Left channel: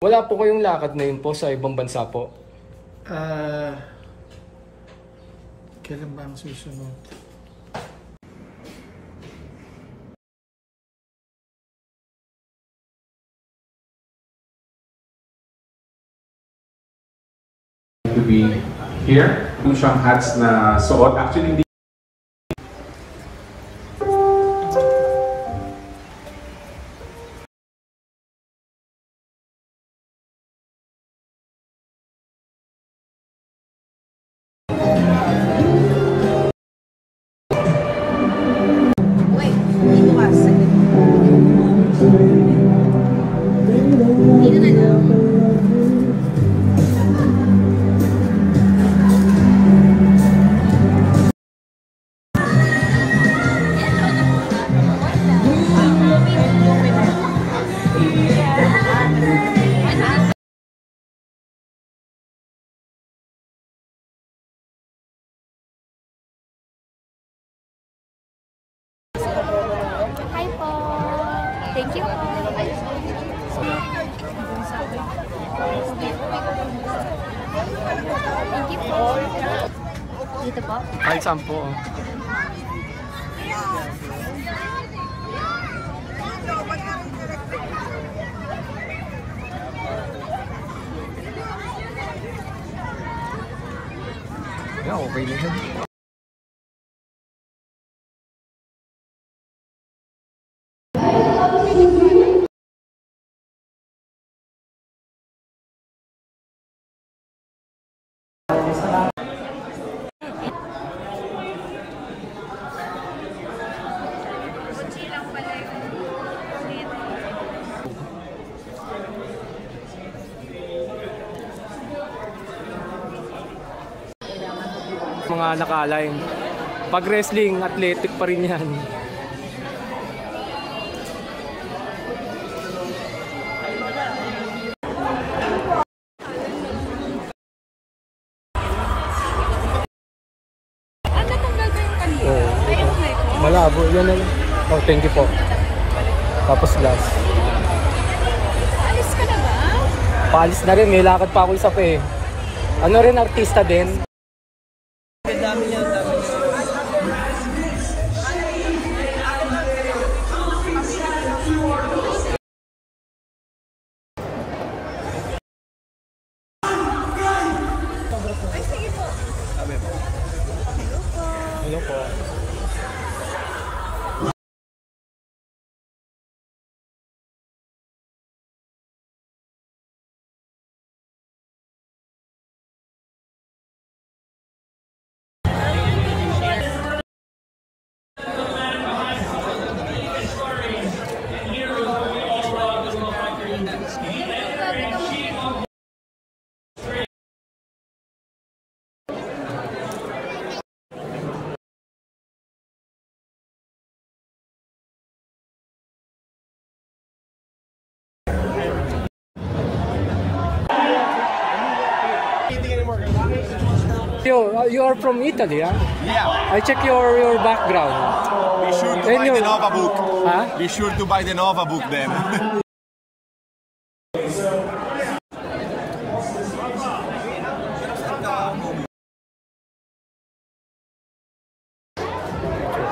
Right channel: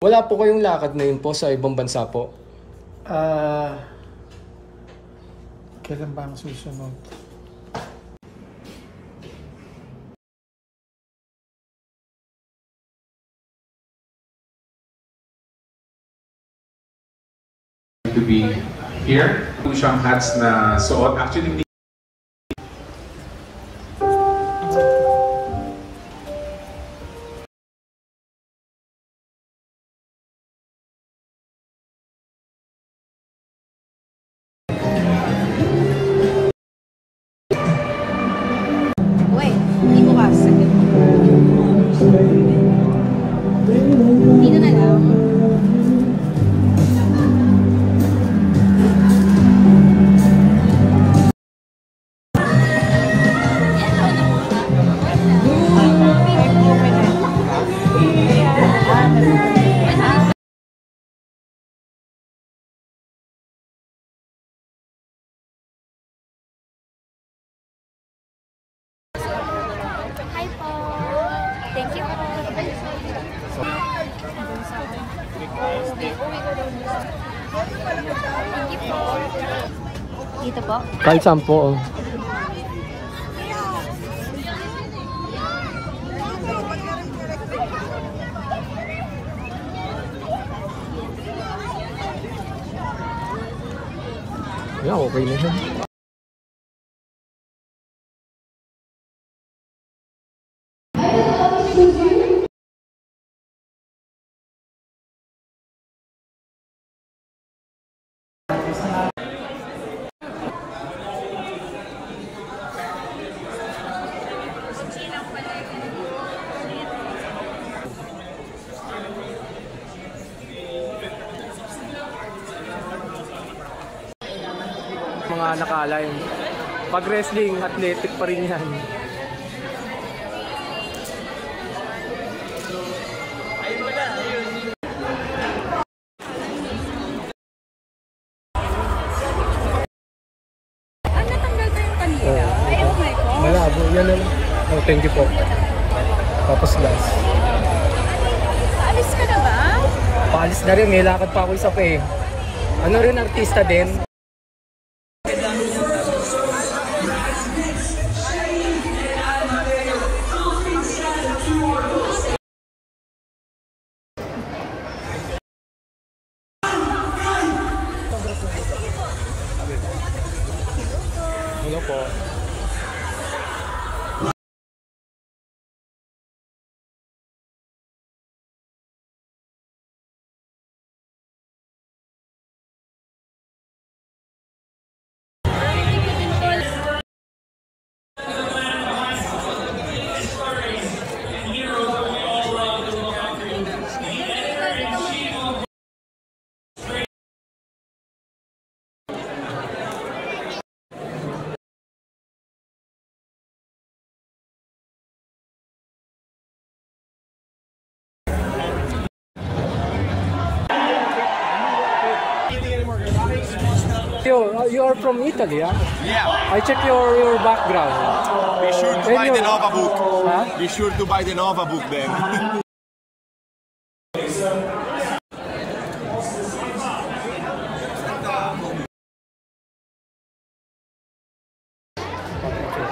Wala po kayong lakad na yun po sa ibang bansa po? Kailan ba ang susunod? To be here. Yung siyang hats na suot. Actually, Hi po. Thank you po. Thank you po. Dito po? Kahit saan po. Yeah, okay na yan. Mga naka-align. Pag wrestling, athletic pa rin yan. Natanggal ko yung kanina. Oh my God. Malabo. Yan na lang. Oh, thank you po. Tapos last. Alis ka na ba? Paalis na rin. May lakad pa ako isa pa eh. Ano rin, artista din. Hello po. You are from Italy, huh? Yeah. I check your background. Be sure to buy the Nova book. Huh? Be sure to buy the Nova book then.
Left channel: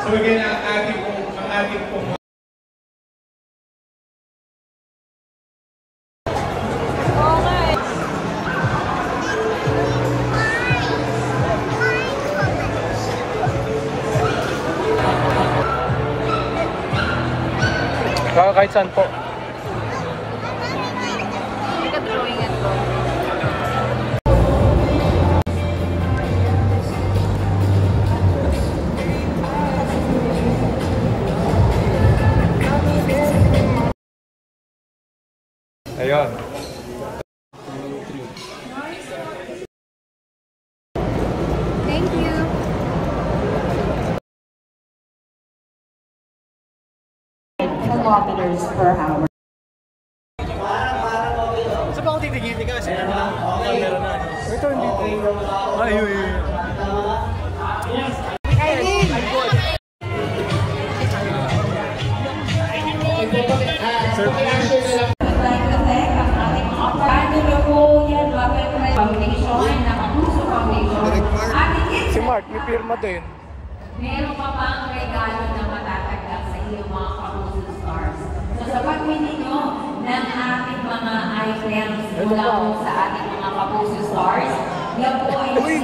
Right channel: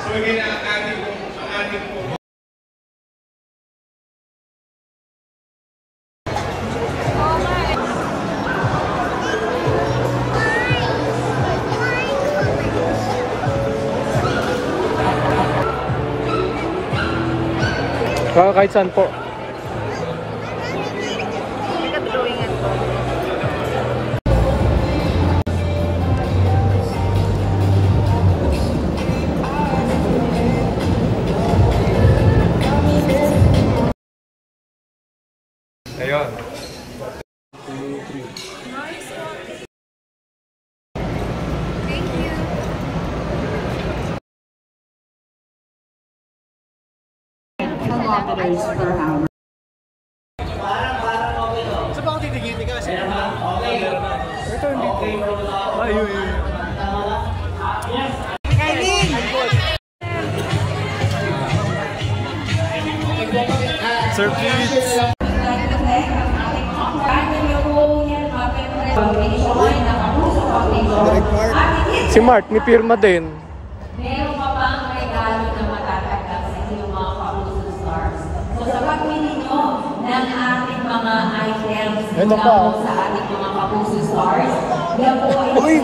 so again, ating pong Kahit saan po. Nag-drawingan ko. Ayun. Thank you. Kilometers per hour. ako titigil ka kasi. Ito, hindi to. Ayun. Sir, please. Si Mark, may pirma din. Meron pa bang regalo na matatanggap sa inyong mga Kapuso Stars? So sa pagpili nyo ng ating mga items Ito pa. sa ating mga Kapuso Stars, yan po ay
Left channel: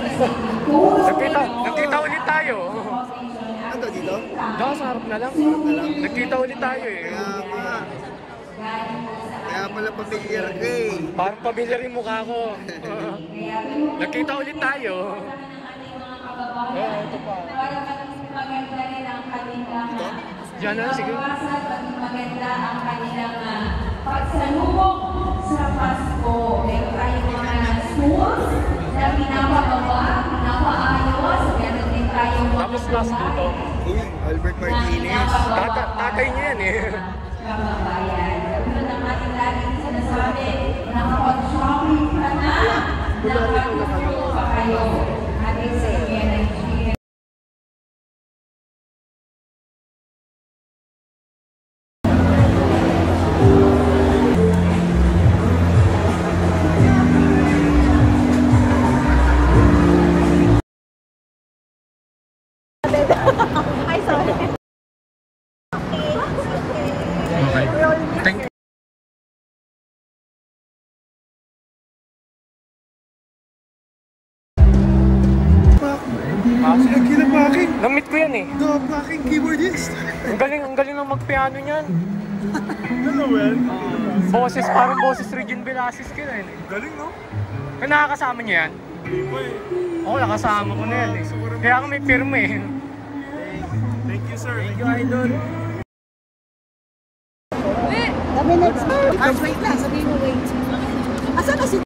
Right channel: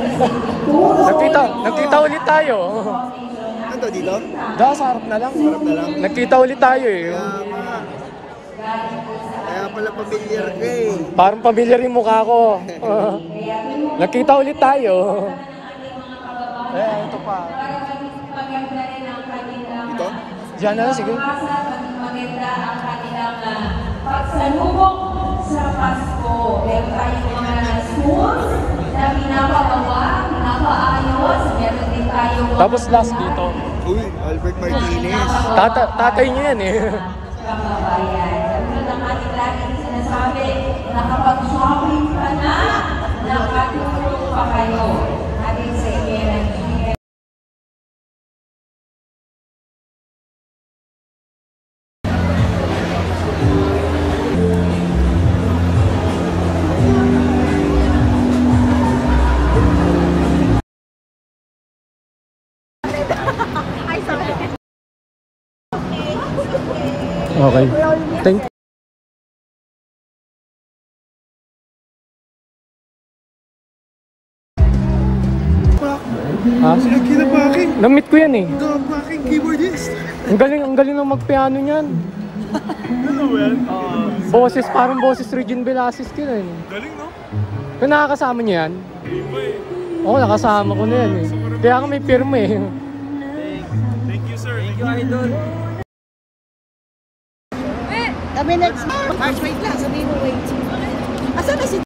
Nagkita ulit tayo. Ano dito? Da, sa harap na lang. Nagkita ulit tayo eh. Kaya pala pamilyar ka eh. Parang pamilyar yung mukha ko. Nagkita ulit tayo. Ito pa. maganda rin ang kanilang Diyan na lang, sige. maging maganda ang kanilang pagsalubong sa Pasko. Meron tayong mga schools na pinapagawa, pinapaayos. Meron din tayong mga Tapos last dito. Uy, Albert Martinez. Tatay niya yan eh. kababayan. Katulad ng ating laging sinasabi, nakapag-shopping ka na, nakatulong pa kayo. Ating sa inyo yan ang Okay. Thank you. Si Akira Paking. Na-meet ko yan eh. The Paking keyboardist. Ang galing ng mag-piano niyan. Ano well? Boses, parang boses Regine Velasquez ka na eh. Galing no? Kung nakakasama niya yan? Iba eh. Oo, nakasama ko na yan eh. Kaya ako may pirma eh. Thank you sir. Thank you idol. Kami next. Wait lang, sabihin mo wait. Asan na si...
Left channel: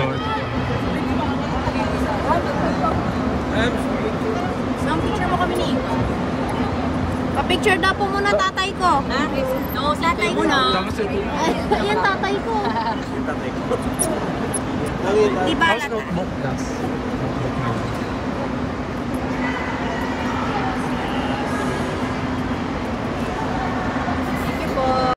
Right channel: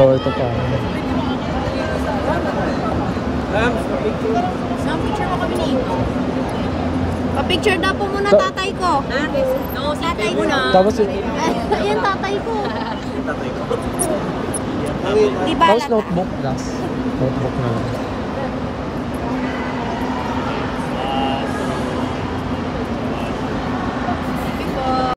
Ito pa. Picture mo kami ni Ito. Pa-picture na po muna tatay ko. Ha? No, tatay ko na. Tapos Ayan tatay ko. Diba tapos notebook last. Notebook na lang.